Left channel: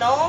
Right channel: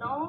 9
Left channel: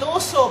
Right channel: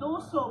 200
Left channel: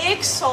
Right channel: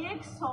100,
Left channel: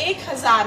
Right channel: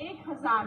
1000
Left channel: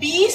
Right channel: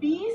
20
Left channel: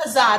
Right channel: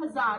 1000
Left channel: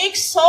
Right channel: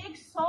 100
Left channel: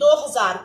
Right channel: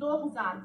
2000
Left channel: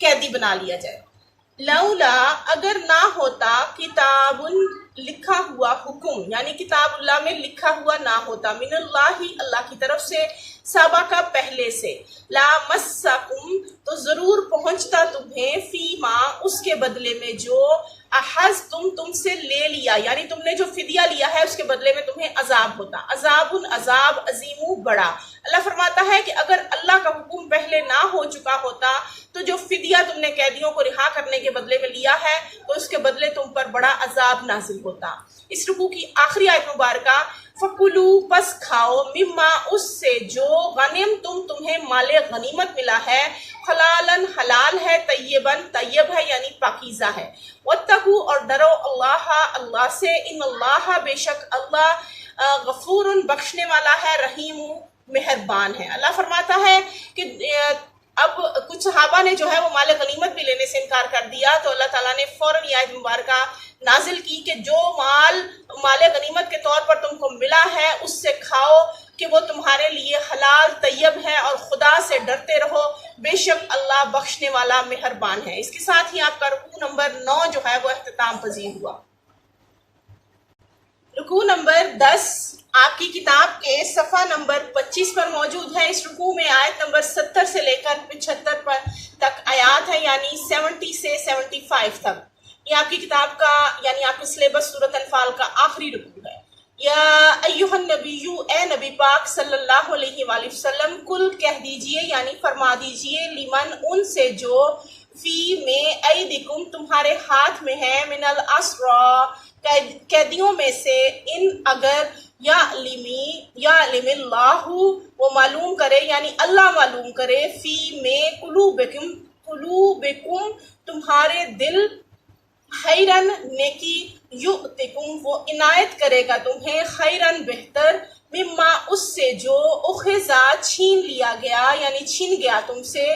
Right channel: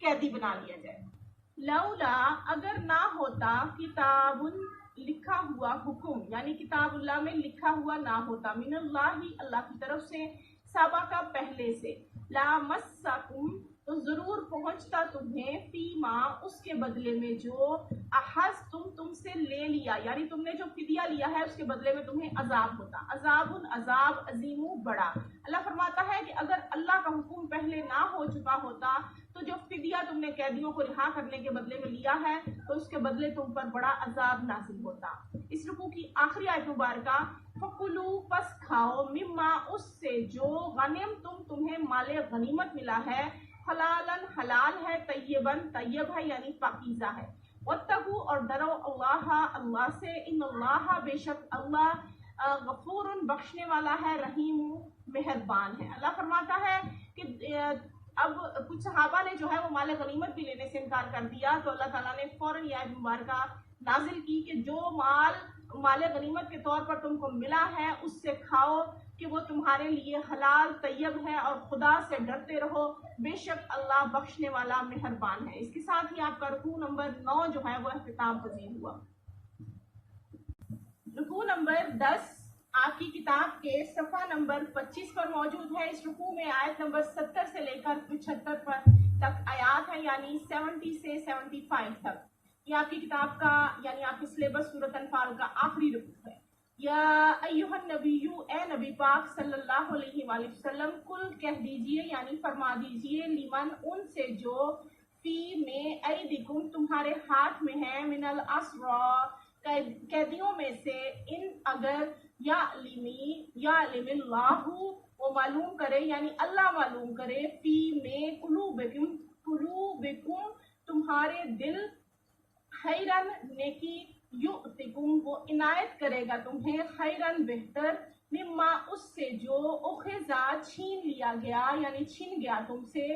قیدی بنا لیا جائے۔ لولا اگر نہ ہوتا کتاب لکھا ہوا حکم، یعنی کتاب اللہ میں لکھا ہوا نہ ہوتا، من اللہ اللہ کی طرف سے، سابقہ پہلے سے، لامسکم تو ضرور پہنچتا تمہیں، فیما اس کے بدلے میں جو احز تم سے لے لیا، یعنی تم نے جو فدیہ لیا ہے اس کے بدلے میں تمہیں عذاب ہوتا، عذاب عذاب عظیم بڑا۔ اللہ فرماتا ہے کہ اگر اللہ کا حکم پہلے نہ ہو چکا ہوتا تو جو فدیہ تم نے قیدیوں کو رہا کرنے کے بدلے میں لیا ہے تو اس کے بدلے تم پر بڑا عذاب نازل ہوتا۔ اس رکوع کی آخری آیت مبارکہ، فَكُلُوا پس کھاؤ، مما اس سے جو غنم تمہیں مال غنیمت ملا ہے، حلالاً حلال ہے، طیباً طیب ہے یعنی پاکیزہ ہے، واتقوا اور ڈرو اللہ سے، ان اللہ بے شک اللہ غفور بخشنے والا ہے، رحیم مہربان ہے۔ اللہ فرماتا ہے کہ اب کچھ صحابہ نے جو ہے وہ مال غنیمت بھی لینے سے انکار کر دیا تو اللہ تعالیٰ نے فوراً یہ آیت مبارکہ نازل کی کہ جو مال غنیمت کے طور پر تم کو ملا ہے اس سے کھاؤ کہ وہ تمہارے لیے حلال طیب ہے، اور خدا سے ڈرتے رہو، بے شک اللہ بخشنے والا مہربان ہے۔ اس کے ساتھ ہی آپ کا رکوع نمبر 9 جو ہے وہ اختتام پذیر ہوا۔ رکوع نمبر 10 آپ کی کتاب کے صفحہ نمبر 25 پر موجود ہے۔ اس رکوع میں آیت نمبر 70 سے لے کر 75 تک آیات ہے، یعنی 70 سے 75 تک۔ یہ آپ کی کتاب کا یعنی آپ کے سلیبس سورۃ انفال کا آخری رکوع ہے۔ یا ایھا النبی، اے نبی پاک صلی اللہ علیہ وآلہ وسلم، کل کہہ دیجئے یعنی فرما دیجئے، لمن ان سے جو، فی میں، ایدکم تمہارے ہاتھ میں ہے، من الاسری قیدیوں میں سے، ان اگر، یعلم اللہ وہ معلوم کرے یعنی اللہ معلوم کرے، فی میں، قلوبکم تمہارے دل، خیرن نیکی، یؤتکم وہ عنایت کرے گا تمہیں، خیرن بہتر، مما اس سے جو، اخذا چھین لیا گیا یعنی چھین گیا تم سے،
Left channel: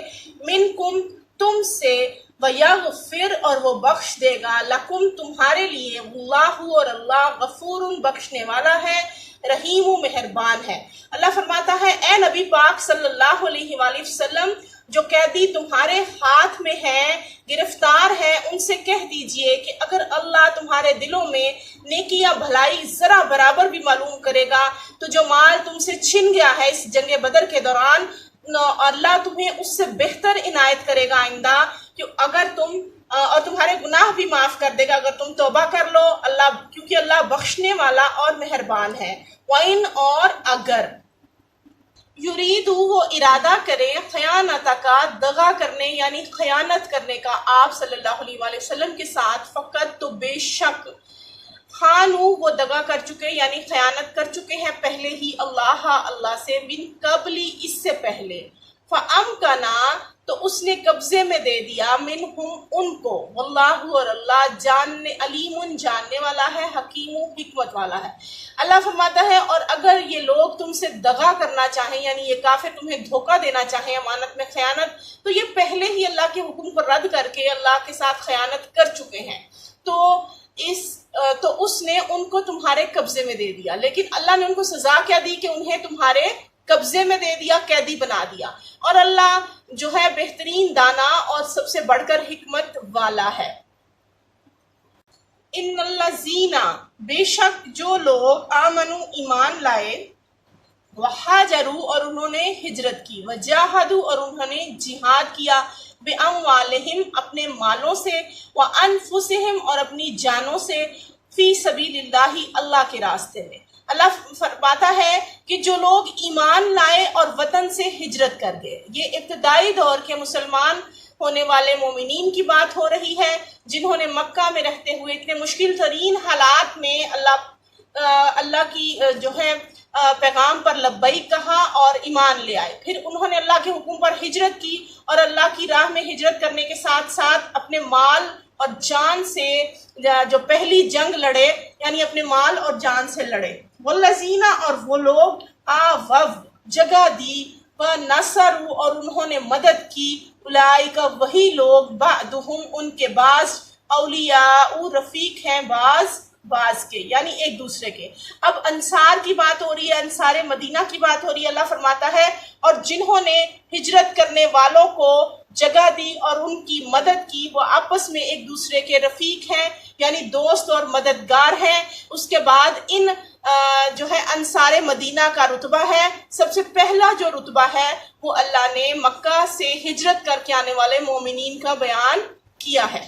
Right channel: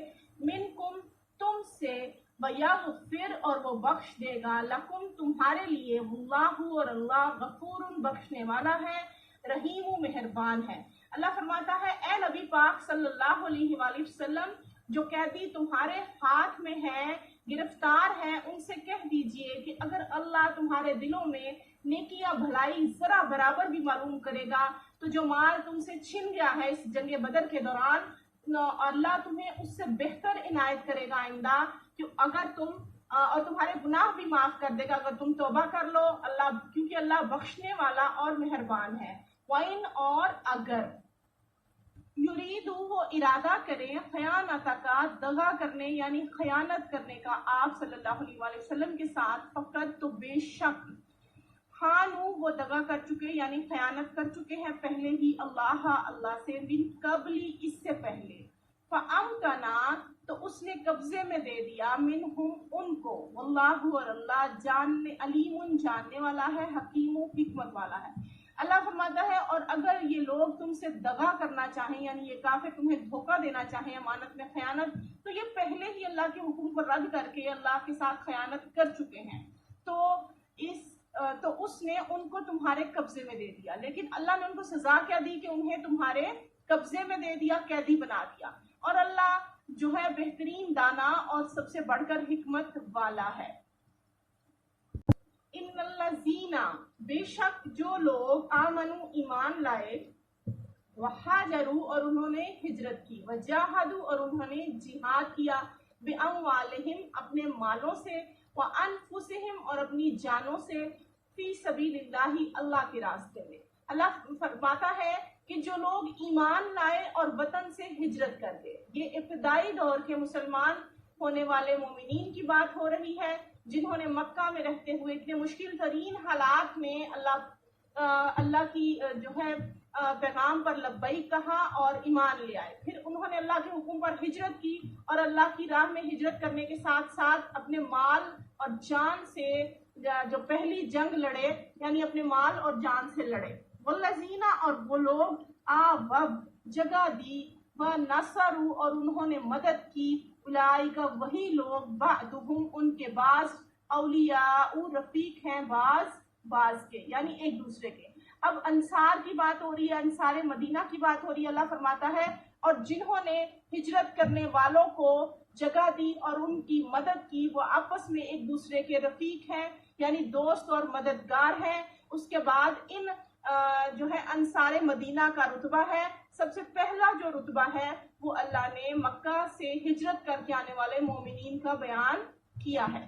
منکم تم سے، ویغفر اور وہ بخش دے گا، لکم تمہارے لیے، اللہ اور اللہ غفور بخشنے والا ہے، رحیم مہربان ہے۔ اللہ فرماتا ہے اے نبی پاک صلی اللہ علیہ وآلہ وسلم، جو قیدی تمہارے ہاتھ میں ہیں، گرفتار ہیں، ان سے کہہ دیجئے کہ اگر اللہ تمہارے دلوں میں نیکی یا بھلائی ذرا برابر بھی معلوم کرے گا تو جو مال تم سے چھن گیا ہے اس جنگ بدر کے دوران، اللہ تمہیں اس سے بہتر عنایت کرے گا آئندہ، کہ اگر تم اور تمہارے گناہ بھی معاف کر دے گا اگر تم توبہ کر لو، اللہ کیونکہ اللہ بخشنے والا اور مہربان ہے۔ وَإِنْ اور اگر، یریدو وہ ارادہ کرے، خیانتک دغا کرنے یعنی خیانت کرنے کا آپ صلی اللہ علیہ وآلہ وسلم کے ساتھ، فقط تو بے شک، خانو وہ دغا کر چکے یعنی خیانت کر چکے ہیں پہلے ہی، اللہ سے، من قبلی اس سے پہلے، فَأَمْكَنَا تو اس نے قبضے میں دے دیا، منہم ان کو، واللہ اور اللہ علیم جاننے والا ہے، حکیم حکمت والا ہے۔ اللہ فرماتا ہے اور اگر یہ لوگ تم سے دغا کرنا چاہیں یعنی یہ کافر تمہیں دھوکہ دینا چاہیں امانت میں خیانت، تو یہ پہلے ہی اللہ کے حکم کو رد کر کے اللہ کے ساتھ خیانت کر چکے ہیں، تو اس نے ان کو تمہارے قبضے میں دے دیا، لیکن اللہ نے ان کو سزا کیا دی کہ انہیں تمہارے قبضے میں دے دیا، قیدی بنا دیا، اور اللہ جو ہے بہترین دانا اور سب سے بڑھ کر حکمت والا ہے۔ ان الذین بے شک جو لوگ، آمنو ایمان لائے، وہاجروا اور انہوں نے ہجرت کی، وجاہدوا اور انہوں نے جہاد کیا، باموالہم اپنے مالوں سے، وانفسہم اور اپنی جانوں سے، فی سبیل اللہ اللہ کے راستے میں۔ اللہ فرماتا ہے کہ جو لوگ ایمان لائے اور وطن سے ہجرت کر گئے، یہ ابتدائی دور کے مسلمان ہونے والے مومنین کی بات ہو رہی ہے جنہوں نے مکہ میں رہتے ہوئے اتنے مشکل ترین حالات میں اللہ کی جو ہے پیغام پر لبیک کہا اور ایمان لے آئے، پھر انہوں نے اللہ کے حکم پر ہجرت کی اور اللہ کی راہ میں ہجرت کرنے کے ساتھ ساتھ اپنے مال اور جان سے جو پہلی جنگ لڑے یعنی اپنے مال اور جان سے لڑے، والذین اور وہ لوگ، آووا جگہ دی، ونصروا اور انہوں نے مدد کی، اولئک وہی لوگ، بعدہم ان کے بعض، اولیاء رفیق ہیں بعض بعض کے یعنی ایک دوسرے کے۔ اب انصار کی بات ہو رہی ہے، انصار مدینہ کی بات ہو رہی ہے۔ اللہ فرماتا ہے اور جنہوں نے ہجرت کرنے والوں کو جگہ دی اور ان کی مدد کی، وہ آپس میں ایک دوسرے کے رفیق ہیں یعنی دوست اور مددگار ہیں۔ اس کے بعد ان جو ہے انصار مدینہ کا رتبہ ہے، سب سے پہلا جو رتبہ ہے وہ اللہ نے مکہ سے ہجرت کر کے آنے والے مومنین کا بیان کیا ہے۔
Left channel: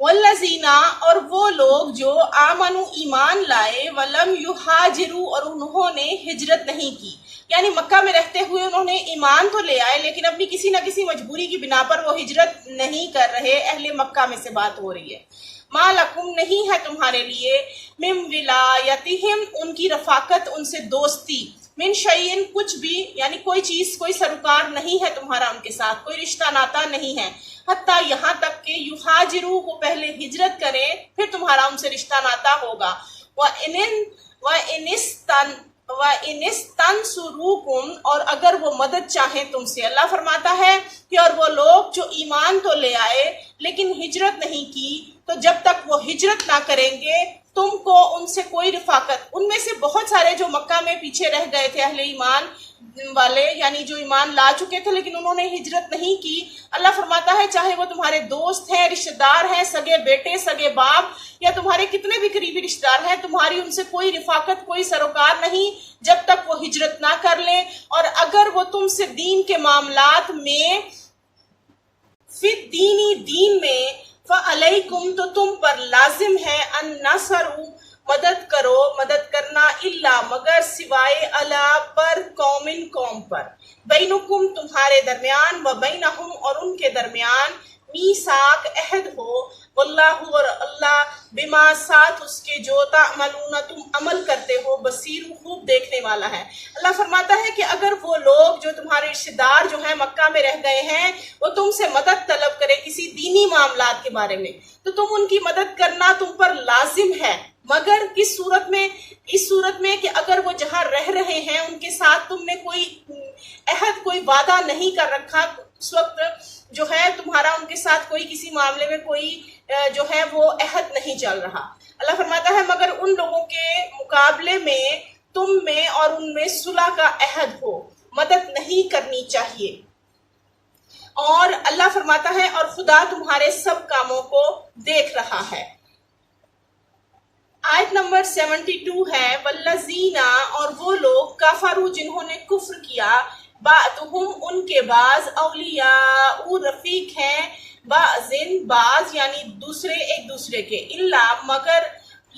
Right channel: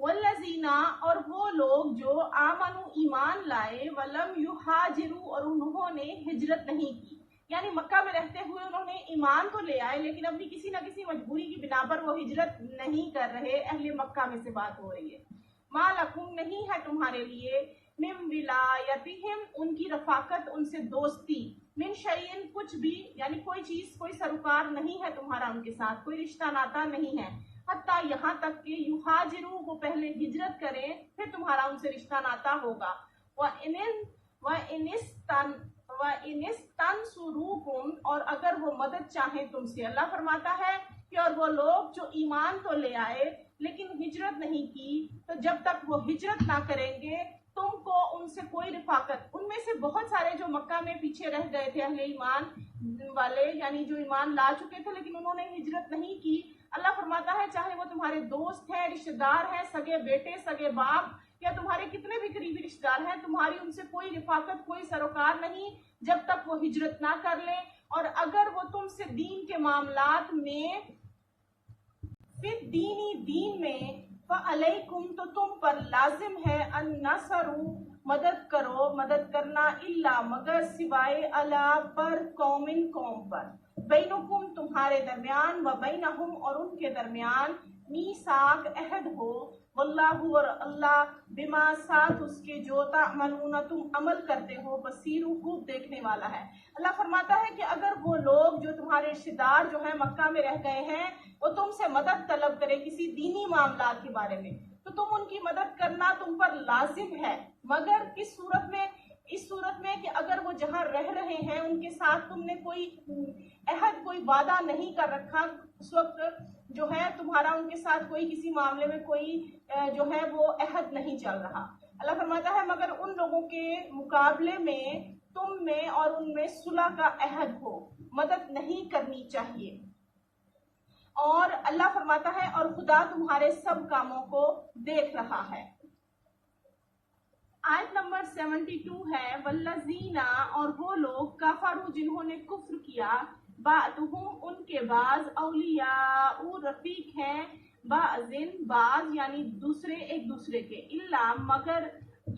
والذین اور وہ لوگ جو آمنوا ایمان لائے، ولم یہاجروا اور انہوں نے ہجرت نہیں کی، یعنی مکہ میں رہتے ہوئے انہوں نے ایمان تو لے آئے لیکن اپنی کسی نہ کسی مجبوری کی بنا پر وہ ہجرت نہیں کر رہے۔ اہل مکہ میں سے بات ہو رہی ہے۔ ما لکم نہیں ہے تمہارے لیے، من ولایتہم ان کی رفاقت، ان سے دوستی، من شیئن کچھ بھی یعنی کوئی چیز، کوئی سروکار نہیں ہے تمہارا ان کے ساتھ، کوئی رشتہ ناتا نہیں ہے، حتیٰ یہاں تک کہ یہاجروا وہ پہلے ہجرت کریں پھر تمہارا ان سے رشتہ ناتا ہوگا۔ وَإِنِ اسْتَنْصُرُوكُمْ اور اگر وہ مدد چاہیں تم سے۔ اللہ فرماتا ہے کہ اور وہ لوگ جو ایمان تو لے آئے لیکن ہجرت نہیں کی، تو جب تک وہ ہجرت نہ کریں گے تم کو ان سے کوئی رفاقت، ان میں سے بہت سارے جو مکہ میں پیچھے رہ گئے تھے اہل ایمان والے، یعنی جو ایمان لا چکے تھے لیکن انہوں نے ہجرت نہیں کی، اللہ فرماتا ہے چاہے وہ تمہارے دوست ہیں، رشتہ دار ہیں، سگے بیٹے، سگے باپ یا تمہارے کتنے بھی قریبی رشتہ دار ہیں، تمہاری ان سے کوئی رفاقت، کوئی سروکار نہیں جب تک وہ ہجرت نہ کر لیں۔ اور اگر وہ تم سے دین کے معاملات میں، فی دینی دین میں، فعلیکم تو تم پر لازم ہے، النصر مدد کرو، مدد کرنا، الا مگر سوائے اللہ پر، قوم پر، بینکم تمہارے درمیان، و بینہم اور ان کے درمیان، میثاق عہد ہو، واللہ اور اللہ بما ساتھ اس کے جو تعملون تم عمل کرتے ہو، بصیر خوب دیکھنے والا ہے۔ اللہ فرماتا ہے کہ اگر وہ لوگ جو تمہارے رشتہ دار جو ہیں مکہ میں رہ گئے ہیں وہ تم سے مدد طلب کرے کسی دینی معاملات کے بارے میں، تو تم ان کی مدد کرنا تم پر لازم ہے، مگر کس صورت میں؟ اس صورت میں کہ اگر وہ جہاں رہ رہے ہیں ان کے ساتھ تم نے کوئی عہد، کوئی وعدہ نہیں کر رکھا، اس وقت جو ہے تمہارا ان کے ساتھ کوئی کسی معاملے میں کوئی جو ہے وہ عہد نہیں چل رہا۔ اللہ فرماتا ہے مگر ان لوگوں کے مقابلے میں تم میں اور ان میں صلح کا عہد ہو، مدد نہیں کرنی چاہیے۔ اور اللہ فرماتا ہے اور خدا تمہارے سب کاموں کو دیکھ رہا ہے۔ آیت نمبر 72 ہے، والذین اور وہ لوگ کفروا جنہوں نے کفر کیا، بعضهم ان کے بعض، اولیاء رفیق ہیں، بعض یعنی دوسرے ایک دوسرے کے، الا مگر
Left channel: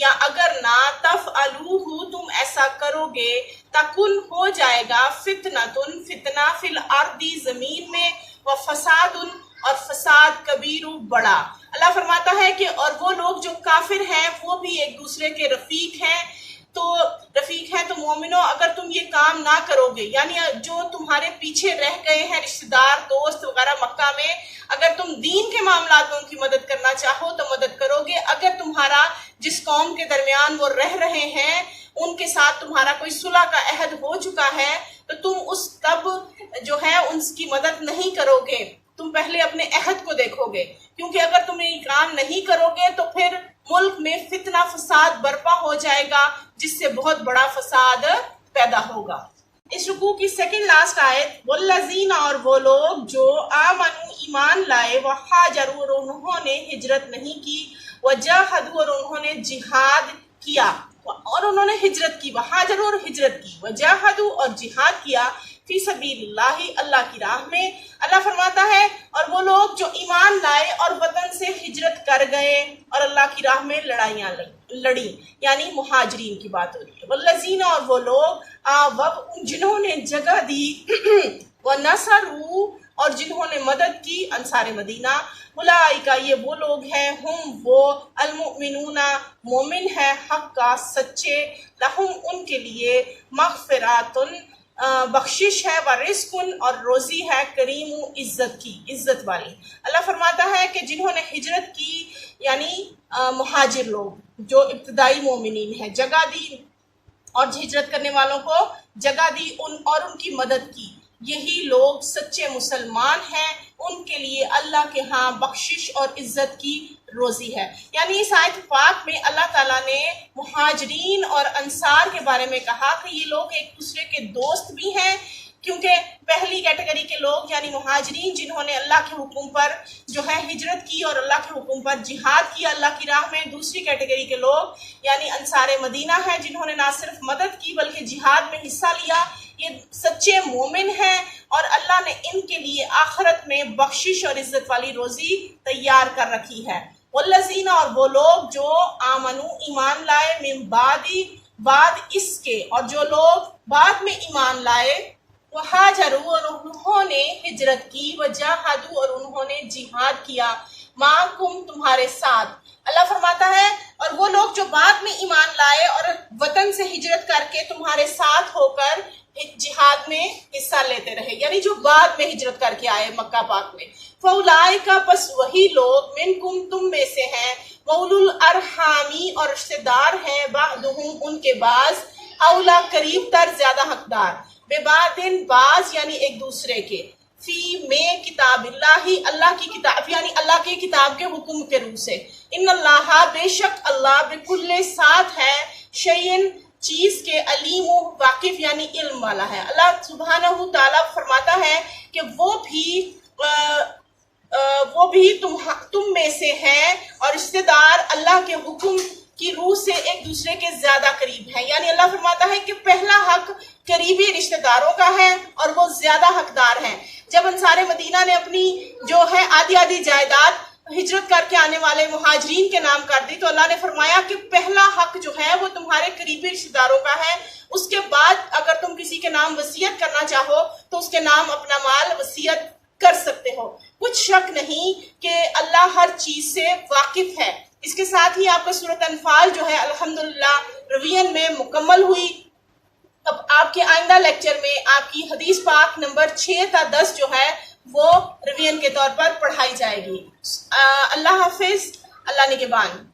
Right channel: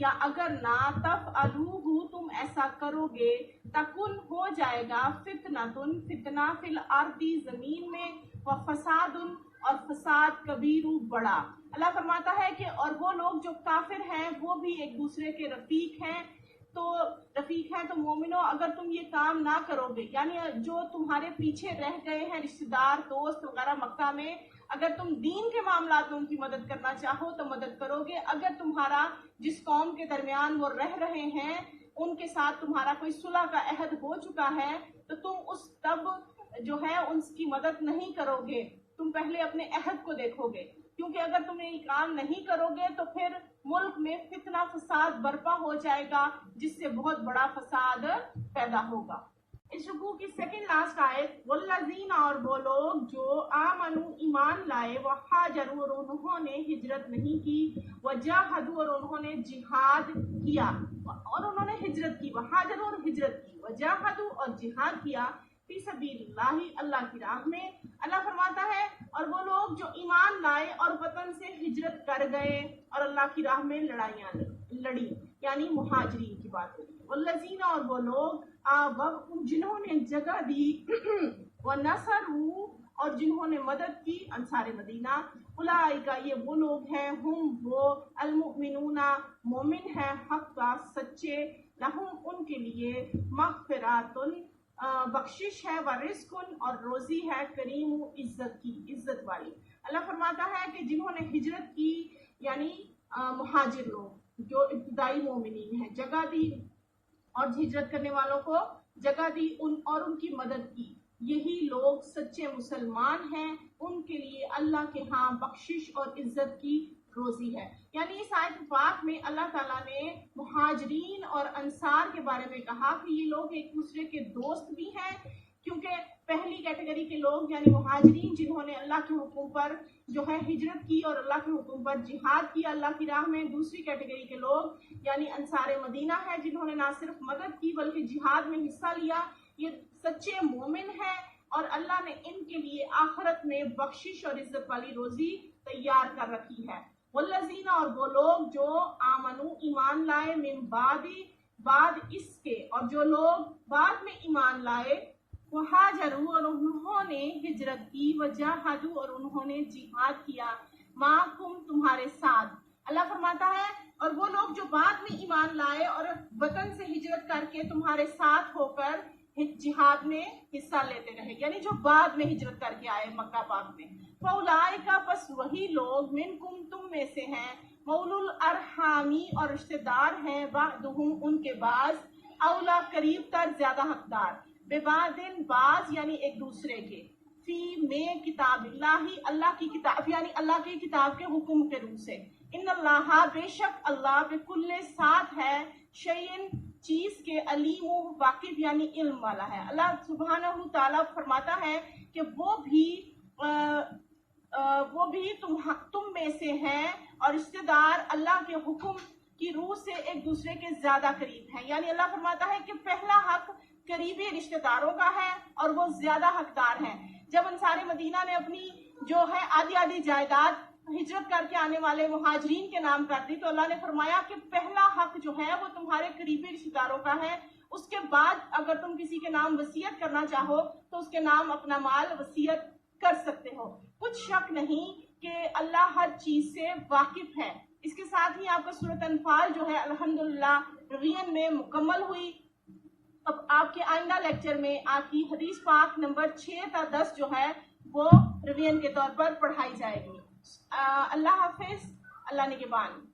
یا اگر نہ، تفعلوہ تم ایسا کرو گے، تکن ہو جائے گا، فتنہ فی الارض زمین میں، وفساد اور فساد کبیر بڑا۔ اللہ فرماتا ہے کہ اور وہ لوگ جو کافر ہیں وہ بھی ایک دوسرے کے رفیق ہیں، تو مومنو اگر تم یہ کام نہ کرو گے، یعنی جو تمہارے پیچھے رہ گئے ہیں رشتہ دار، دوست وغیرہ مکہ میں، اگر تم دین کے معاملات میں ان کی مدد کرنا چاہو تو مدد کرو گے۔ اگر تمہارا جس قوم کے درمیان وہ رہ رہے ہیں ان کے ساتھ تمہارا کوئی صلح کا عہد ہو چکا ہے تو تم اس تب جو ہے ان کی مدد نہیں کرو گے، تم پہلے اپنے عہد کو دیکھو گے، کیونکہ اگر تم یہ کام نہیں کرو گے تو پھر ملک میں فتنہ فساد برپا ہو جائے گا جس سے بہت بڑا فساد پیدا ہوگا۔ اس رکوع کی سیکنڈ لاسٹ آیت، والذین اور وہ لوگ جو آمنوا ایمان لائے، وہاجروا اور انہوں نے ہجرت نہیں کی، وجاہدوا اور انہوں نے جہاد کیا، اور انہوں نے ہجرت کی، وہاجروا اور ہجرت کی، وجاہدوا اور جہاد کیا، فی سبیل اللہ اللہ کی راہ میں۔ اللہ فرماتا ہے اور وہ لوگ جو ایمان لائے اور وطن سے ہجرت کر گئے اور اللہ کی راہ میں لڑائیاں لڑی، یعنی مہاجرین کی بات ہو رہی ہے۔ والذین اور وہ لوگ جنہوں نے جگہ دی، ونصروا اور جنہوں نے مدد کی، انصار مدینہ، اولئک یہ وہ لوگ ہیں، ہم وہ، المؤمنون مومن ہے حق کا سچے، لہم ان کے لیے، مغفرات بخشش ہے، ورزق اور روزی ہے، کریم عزت کی، عزت والی۔ اللہ فرماتا ہے کہ جنہوں نے ہجرت کی یعنی مہاجر لوگ جو ابتدائی مومنین ہیں، جگہ دی اور ہجرت کرنے والوں کو جگہ دی اور ان کی مدد کی، یہی لوگ سچے مسلمان ہیں، ان کے لیے اللہ کے ہاں بخشش اور عزت کی روزی ہے. یعنی اس آیت پاک میں اللہ تعالیٰ نے مہاجرین اور انصار کے بارے میں کہا کہ یہ لوگ ایک دوسرے کے دوست بھی ہیں، کیونکہ پہلی کیٹیگری کے لوگ یعنی مہاجرین جنہوں نے اللہ کے حکم پر جو ہے ہجرت کی اور اللہ کے حکم پر جہاد کیا اللہ کی راہ میں. دوسری کیٹیگری کے لوگ یعنی انصار مدینہ ہیں جنہوں نے نہ صرف مدد کی بلکہ جہاد میں حصہ لیا. یہ سچے مومن ہیں اور اللہ نے ان کے لیے آخرت میں بخشش اور عزت والی روزی تیار کر رکھی ہے. والذین، اور وہ لوگ جو آمنو ایمان لائے، من بعد اس کے، اور جو لوگ بعد میں ایمان لائے، وہاجروا، اور انہوں نے ہجرت کی، وجاہدوا، اور انہوں نے جہاد کیا، معکم، تمہارے ساتھ. اللہ فرماتا ہے اور وہ لوگ جو بعد میں ایمان لائے اور وطن سے ہجرت کر کے تمہارے ساتھ ہو کر جہاد میں حصہ لیتے رہے، یعنی جو بعد میں ہجرت کر کے آئے مکہ پاک میں. فَأُولَٰئِکَ، پس وہی لوگ، مِنکم، تم میں سے ہیں، وَأُولُو الْأَرْحَامِ، اور رشتہ دار ہیں، بَعْضُہُم، ان کے بعض، اولا، قریب تر، زیادہ حقدار، بِبَعْضٍ، بعض یعنی ایک دوسرے کے، فی میں کتاب اللہ، اللہ کی کتاب یعنی اللہ کی کتاب کے حکم کے روح سے. ان اللہ، بے شک اللہ، بکل، ساتھ ہے، شیئن، چیز کے، علیم، واقف یعنی علم والا ہے. اللہ سبحانہ تعالیٰ فرماتا ہے کہ وہ بھی تم میں سے ہیں اور رشتہ دار اللہ کے حکم کی روح سے ایک دوسرے کے زیادہ قریب ہیں. یعنی اللہ فرماتا ہے کہ پہلا حق قریبی رشتہ داروں کا ہے اور وہ زیادہ حقدار ہیں. جب انصار مدینہ نے اپنی جو ہے آدھی جائیداد ہجرت کر کے آنے والے مہاجرین کے نام کر دی تو اللہ نے فرمایا کہ پہلا حق جو ہے وہ تمہارے قریبی رشتہ داروں کا ہے. اس کے بعد اگر تم کسی کے نام وصیت کرنا چاہو تو اس کے نام اپنا مال وصیت کر سکتے ہو. کچھ شک نہیں کہ اللہ ہر چیز سے واقف ہے. اس کے ساتھ ہی آپ کا سورۃ انفال جو ہے الحمدللہ ریویژن میں مکمل ہوئی. اب آپ کے آئندہ لیکچر میں آپ کی حدیث پاک نمبر 6 تا 10 جو ہے وہ ریویژن کے طور پر پڑھائی جائے گی. اللہ حافظ. اللہ نگہبان.